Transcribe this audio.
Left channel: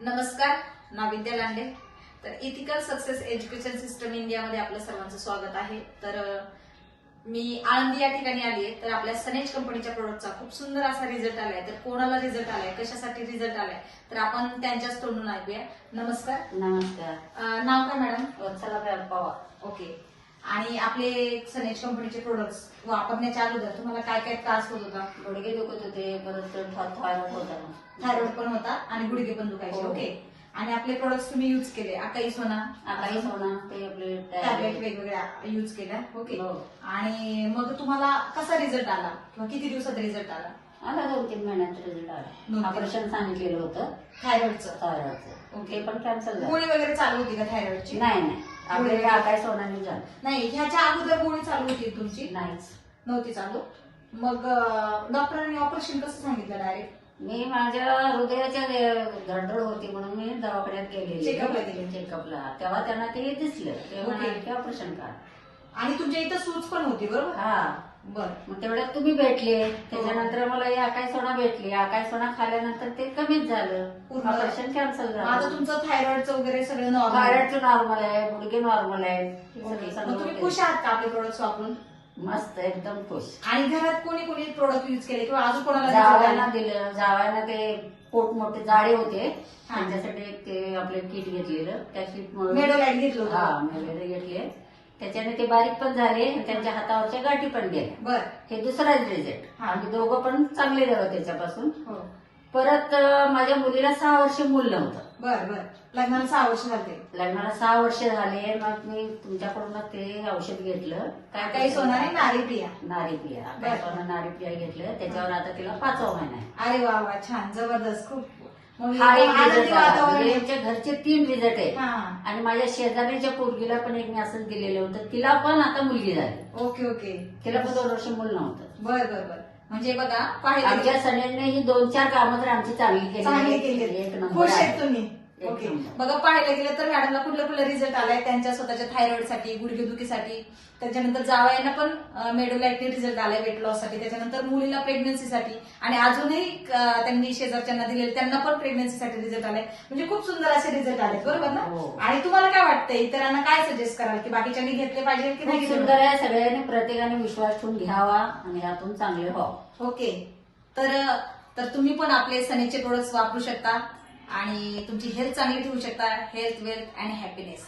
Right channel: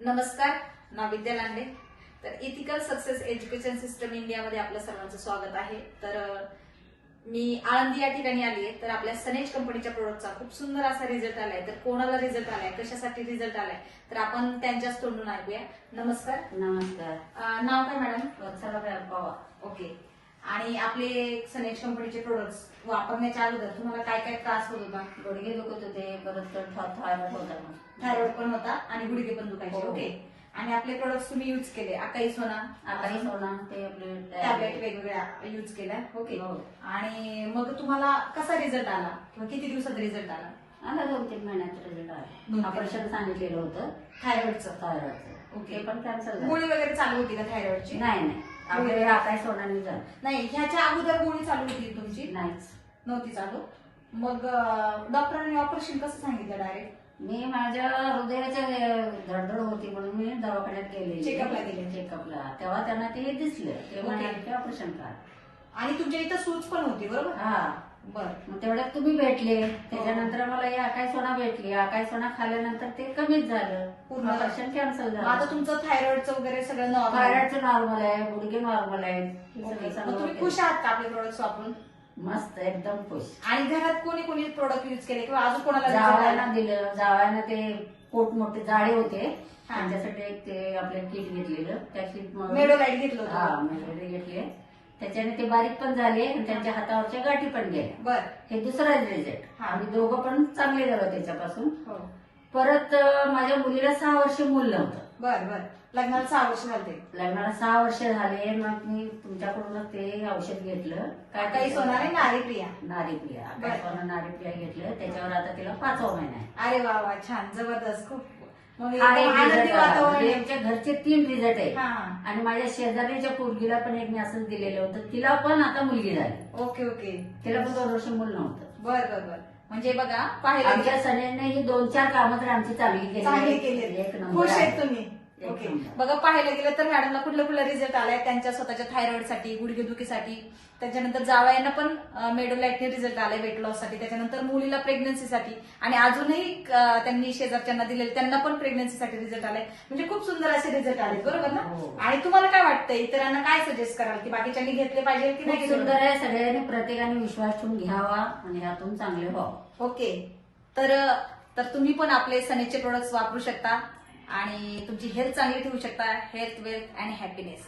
नमस्कार नाव विद्या लांडे. तर ethical success education system इंडियामध्ये आपलं सर्वांचं स्वागत आहे. तर मी आळंदी या ठिकाणी आली आहे. तर आपल्या सनेज कंपनीच्या प्रोडक्टचा खूप सुंदर असा रिझल्ट आलाय. तर कोणाला रिझल्ट आलाय? कशासाठी रिझल्ट आलाय? तर आपण त्यांच्याच तोंडून ऐकूया. नमस्कार. नमस्कार. नाव काय मॅडम वत्सला पवार ओके आणि आपले सनेज कंपनीचे प्रोडक्ट्स वापरण्याच्या अगोदर तुम्हाला काय काय त्रास होत होता? गुडघे दुखत होते परत थायरॉइड होता. थायरॉइड पण होता आणि गुडघे पण दुखायचे हो. ओके आणि आपले प्रोडक्ट्स तुम्ही युज केले. अकाई सोना आता सोना ते आपले टॅबलेट वेगवेगळ्या युज केल्या ओके हो. आणि मग तुम्हाला कसा रिझल्ट आला? किंवा किती दिवसात रिझल्ट आला? आला दोन तीन महिन्यात रिझल्ट. आला. ऑपरेशन सांगितलेलं होतं. थायरॉइडचं. थायरॉइडचं. ओके. पण कॅन्सल गोळी वगैरे चालू होती का थायरॉइडची? नाही नाही. आपले आकाश सोनाने झालं नाही ह्याच्या अगोदर गोळी चालू होती तुमची? नाहीच. नव्हती चालू? मग डॉक्टरांनी ऑपरेशन कसं सांगितलं डायरेक्ट? मी माझ्या हृदयाच्या धडधड होती म्हणून मी दवाखान्यात गेलेली. चेकअपला गेले. चेकअपला तेव्हा त्यांना ते दिसलं. ते. म्हणाले की ऑपरेशन करा आणि तुमच्या इथं सूज पण होती बरोबर? हा. बर. मग तेवढ्यात तुम्ही भेटले. त्याच्यानंतर मला हे आकाश सोना भेटली आकाश सोना खाल्ल्यानंतर ते कमीच झालं. पूर्ण? ऑपरेशन कॅन्सल मग आता झालं तुमचं थायरॉइडचं वगैरे सगळं नॉर्मल थायरॉइडचं नॉर्मल आहे गुडघे नॉर्मल आहे. हे तुम्ही. खुश आहात का आपले प्रोडक्ट्स वापरून? मस्त एकदम खुश. आणि घरात कोणी कोणी प्रोडक्ट युज केले किंवा अजून कोणाला जावयानं आला? दिलं. जावयानं ते पोट मोठे जाडे होते. हा. त्यांच्यासाठी एक ते आपले किट घेतलेलं. त्या किट मेडोलाइट घेतलं हा मेलोडी घेतले. त्याच्याने ते बारीक पण झाले आणि त्यांच्या हातावरच्या गाठी पण गेल्या. बर. हे दुसरा रिझल्ट. हा. आम्ही दोघं पण चांगले झालो त्याच्यापासून. हो. परत माझ्या मुलीला सहा वर्ष मूल नव्हतं. बर बर. लग्नाला सहा वर्ष झाले. लग्नाला सहा वर्ष झाले. मग मी तुमच्याकडून ते औषध घेतलं. काही सोनारी नारी प्रिया. नारी प्रिया. बरं. काय सोनं नारी प्रिया घेतलं. त्याच्यावर आता तिला पाचवा महिना आहे. अरे वा वा. छान. जबरदस्त. खूप मग हा एक एकदम आनंदी result आला. वातावरण म्हणजे आहे. यांच्या घरचे तीन रिझल्ट आहेत हा. आणि माझ्या शेजारीच्या पोरगीला पण एक मी असंच दिलेलं होतं तिला पण आता मुलगी झाली. Okay okay. तिला पण दोन वर्ष मूल नव्हतं. बर बर बर. म्हणजे बघा पाहिलं आमच्या सण्याने ही दोन चार कामं तर आमची चांगली केली चांगले आहेत. केले एक नंबर खुश आहेत आहे. तुम्ही. ओके. बघा पाहायला गेलं तर मॅडमला कुठलं कुठलं रिझल्ट आलाय त्यांच्या स्वतःच्या थायरॉइडसाठी गुडघेदुखीसाठी. त्याच्यानंतर जावयानं पण मेडोलाइटने रिझल्ट आलाय वेट लॉससाठी. त्याच्यानंतर मुलीला प्रेग्नन्सीसाठी आणि अजूनही त्यांनी शेजारच्यांना दिलेले त्यांना पण प्रेग्नन्सीसाठी रिझल्ट आलाय. म्हणजे खूप सुंदर असे रिझल्ट आले बरोबर ना? हो. आणि तुम्हाला काय वाटतंय इतरांना काय सजेस्ट कराल? की बाकीच्यांनी घेतले पाहिजे की खूप नाही सुंदर आहे सगळ्यांनी प्रत्येकाने विश्वास ठेवून घ्यावा आणि यातून चांगले व्हावं. ओके तर तर तुम्ही पण आपले सनेचे प्रोडक्ट्स वापरू शकता. आणि तुमची हेल्थ चांगली ठेवू शकता. हेल्थ वेल्थ आणि हॅपीनेस